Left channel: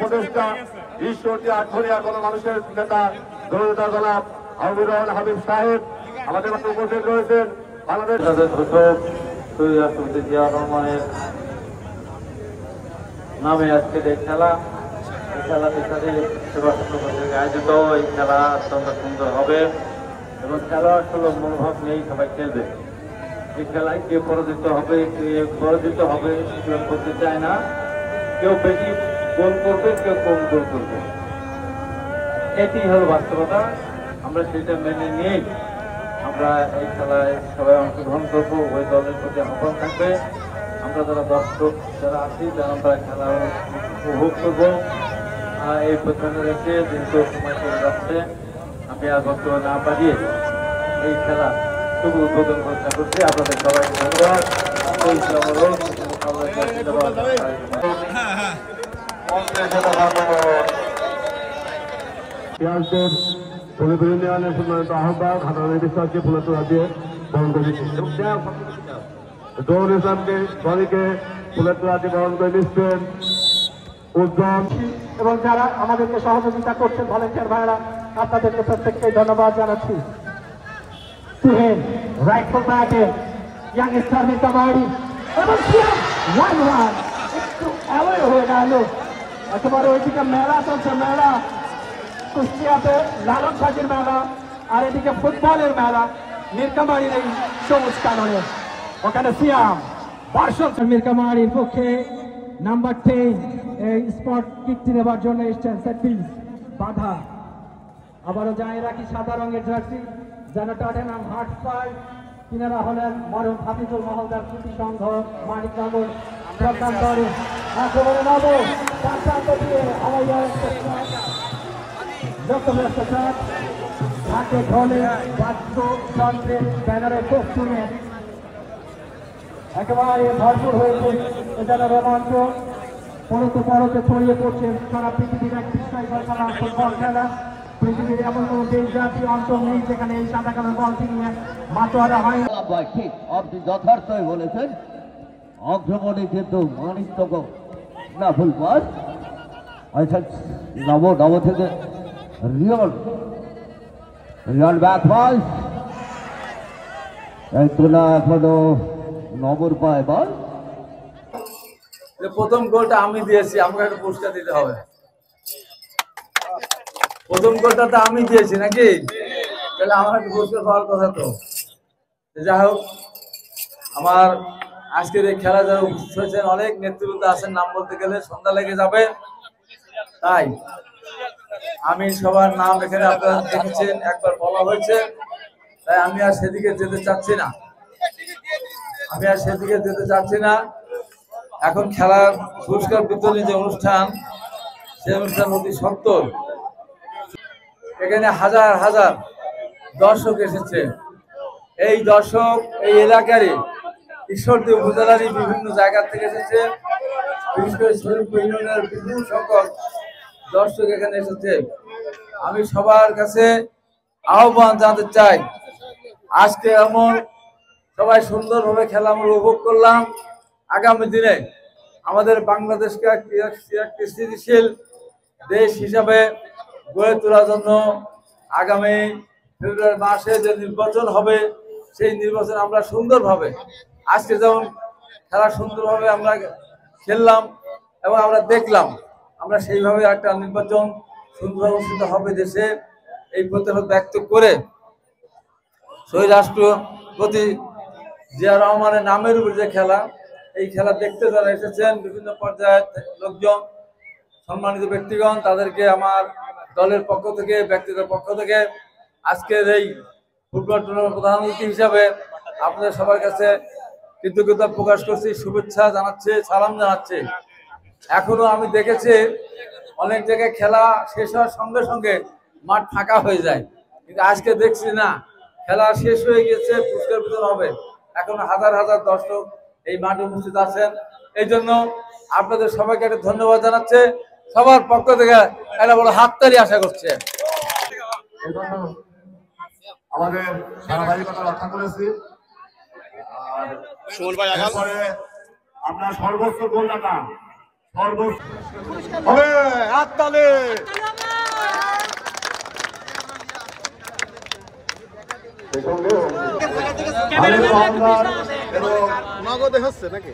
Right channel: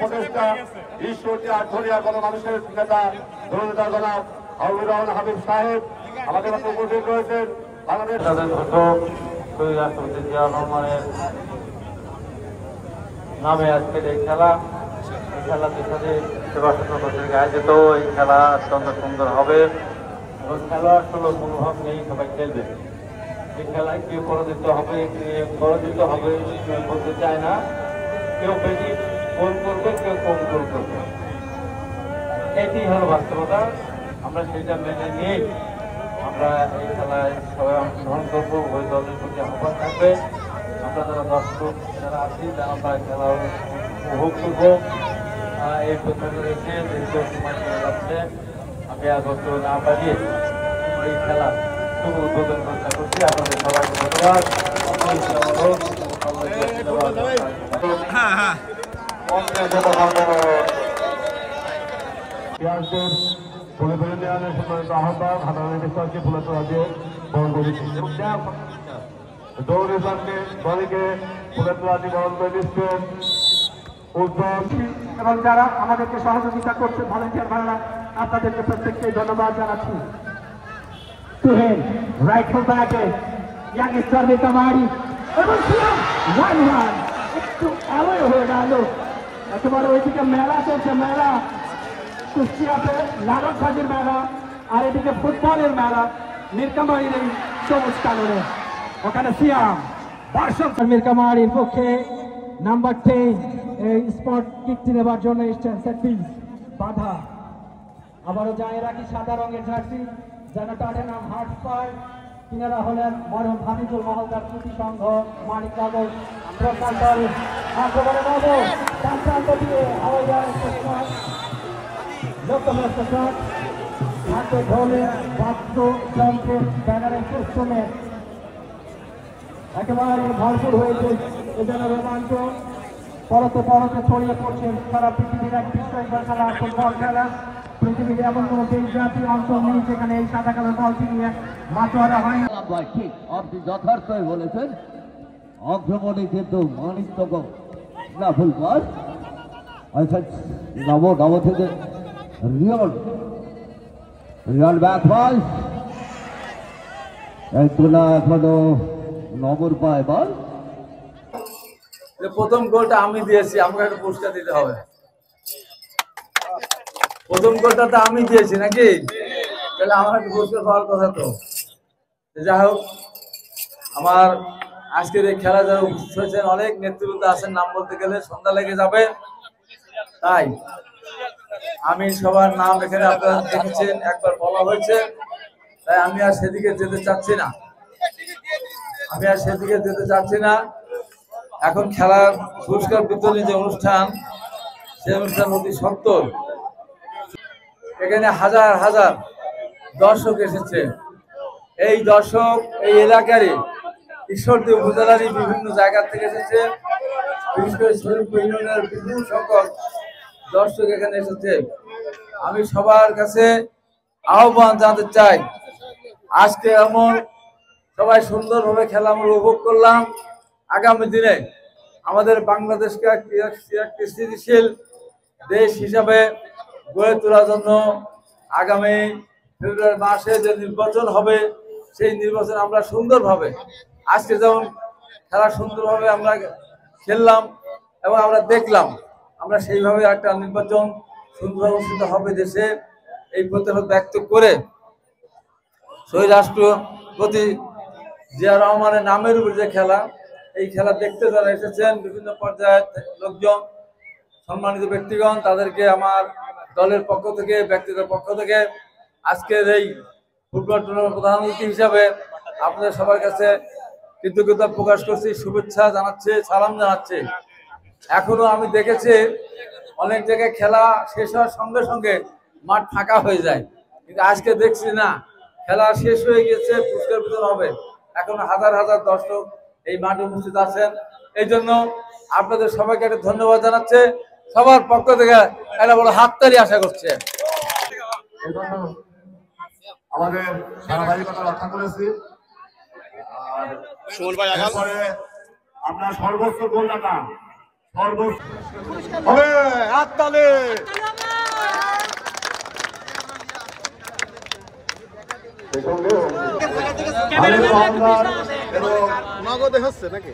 উপদেষ্টা ঈশ্বরকে আটঘরিয়া গণমানুষের নেতা জনতা জনাব আবুর হাবিব সাহেব আমাদের উপস্থিত রয়েছেন। নামে আজকের এই খেলা আয়োজিত এই খেলা অত্যন্ত সুন্দর হবে এবং খেলার কোনো মনোভাব নেই, সবাই খেলবে। এই খেলায় কেউ পরাজিত হবে, কেউ পরাজিত হবে কেউ করতে চায় না, কেউ বেশি গোল করবে, কেউ কম গোল করবে। এটি হল বাস্তবতা। আমরা সেটা মেনে নিয়ে আমরা এই খেলায় সবাই অংশগ্রহণ করবো। ওই দলের প্রতি আহ্বান থাকবে, আমরা যারা দর্শক যারা আছি যারা আমরা খেলা উপভোগ করবো। এই প্রথমে রেখে দীর্ঘ সময় চলে যাচ্ছে, আমি আর বক্তব্য না পারিয়ে এই খেলা শুভ উদ্বোধন চেষ্টা করছি। আপনাদের সবাইকে ধন্যবাদ। এবং যারা আমাদেরকে সহযোগিতা করছেন ভলেন্টিয়ার ভাইরা, আপনাদেরকে প্রত্যেককে ধন্যবাদ জানাচ্ছি। রাইফেল ব্যাটে ইয়াংস্টার মিরকামারি একটু অ্যাওয়ে হয়ে গেল। একেবারে ওইদিকে মেলা চলছে, মেলা কুষ্টিয়াতে লালন সাজির মেলা, আর এদিকে ফুটবলের মেলা মিরকামারির এই সবুজ কারণে ওখানে সিয়াম দর্শক মিরকামারির পক্ষে নাম্বার 10 এই স্পট কিকটি নেবার জন্য এসছেন। সেট পিস বাধা আবারও জানিয়ে রাখি সাদা রঙের জার্সি যেন টটেনহাম হটস্পার, তিনারা হলেন মরহুম হাফিজুল মহলদার স্মৃতি সংঘ মানিক নগর একেবারে ভরপুর হয়েছে যেন রোমাঞ্চ পরতে পরতে ছড়িয়ে পড়ছেন সারা পৃথিবীর এক বিস্ময় ঘটনা ফুটবল খেলা। পৃথিবীর এমন কোন দেশব্যাপী অঞ্চল নেই যেখানে এই সাদা কালো বলটি নিয়ে মাতোয়ারা হয়। ঠিক আপনি যথার্থই বলেছেন, অগ্রমণে কিন্তু মানিকতক না ভুলবার নব থেকে রিয়াল ব্যাক পাস তোলা এখনো নবর পায় বল। প্রথম গোলটা আমি দিয়েছি, আমাকে একটা পুরস্কার দিতে হবে। প্রথম গোলটা তো আমি দিয়েছি নাকি, তাহলে আমার একটা পুরস্কার পাওয়ার কথা। তো যাই হোক, আমার আজকের এই খেলা যারা উপস্থিত হয়েছেন অনেক নেতৃবৃন্দ আছেন, নাম বলতে গেলে সন্ধ্যা লেগে যাবে, তাই আমি সবার নাম এখানে আপনারা দেখেছেন, একবার বলা হয়েছে, তাই আমি আর সেদিকে যেতে চাচ্ছি না। এখন খেলার পুরস্কার বিতরণী যে অনুষ্ঠান, সেই অনুষ্ঠান অতি সত্তর। এখানে হাজার হাজার দর্শক এসেছে। এই দর্শক এই এলাকারই ঈশ্বরদী উপজেলারই বিভিন্ন জায়গা থেকে এসেছে, বিশেষ করে শরীফপুর ইউনিয়নের বিপুল সংখ্যক দর্শক এখানে এসেছে। আমি সবার কাছে আহ্বান জানাতে চাই, আজকে এমন সবাই সুন্দরভাবে খেলা আমরা উপভোগ করলাম। আগামী দিনে আমাদের বাংলাদেশকে একটি স্থিতিশীল দেশ হিসাবে গড়ে তোলার জন্য আগামী ফেব্রুয়ারি মাসে যে নির্বাচন হবে, সেই নির্বাচন আমরা সুন্দরভাবে, আজকে যেমন খেলা সুন্দরভাবে আমরা খেললাম এবং আমরা দেখলাম, আমরা সেইভাবে একটা নির্বাচন সুন্দরভাবে অনুষ্ঠিত হবে দেশে, এই প্রত্যাশা ব্যক্ত করে শহীদ রাষ্ট্রপতি জিয়া রহমানের নামের উপর যে খেলা, এই খেলা দেখতে যারা এসেছেন বিভিন্ন পর্যায়ের লোকজন, সম্মানিত ব্যক্তিগণ, তাদেরকে আমার দলের পক্ষ থেকে, ব্যক্তিগত পক্ষ থেকে আজকের এই ফুটবল টুর্নামেন্ট প্রধান অতিথি হিসাবে আপনাদের সবার কাছে কৃতজ্ঞতা প্রকাশ করছি, শুভেচ্ছা জানাচ্ছি, সালাম জানাচ্ছি। এখনো আমি দেখেছি অনেক জায়গায় খেলা শেষ হওয়ার সঙ্গে সঙ্গে মাঠ ফাঁকা হয়ে যায়, কিন্তু আজকে দেখছি না, খেলা শেষ হয়ে গেছে, পুরস্কার বিতরণ হবে, এখনো হাজার হাজার দর্শক এই মাঠে উপস্থিত আছেন। এই জন্য আপনাদের সবাইকে একটা ধন্যবাদ জানাচ্ছে, সবার পক্ষ থেকে একটা বড় হাততালি আশা করছে। আমাদের ধারাবাহিকতা রক্ষা করেছি। আর এরপরে আমরা সর্বোচ্চ গোলদাতা সর্বোচ্চ হবে হাততালি। নগদে হচ্ছে নাকি?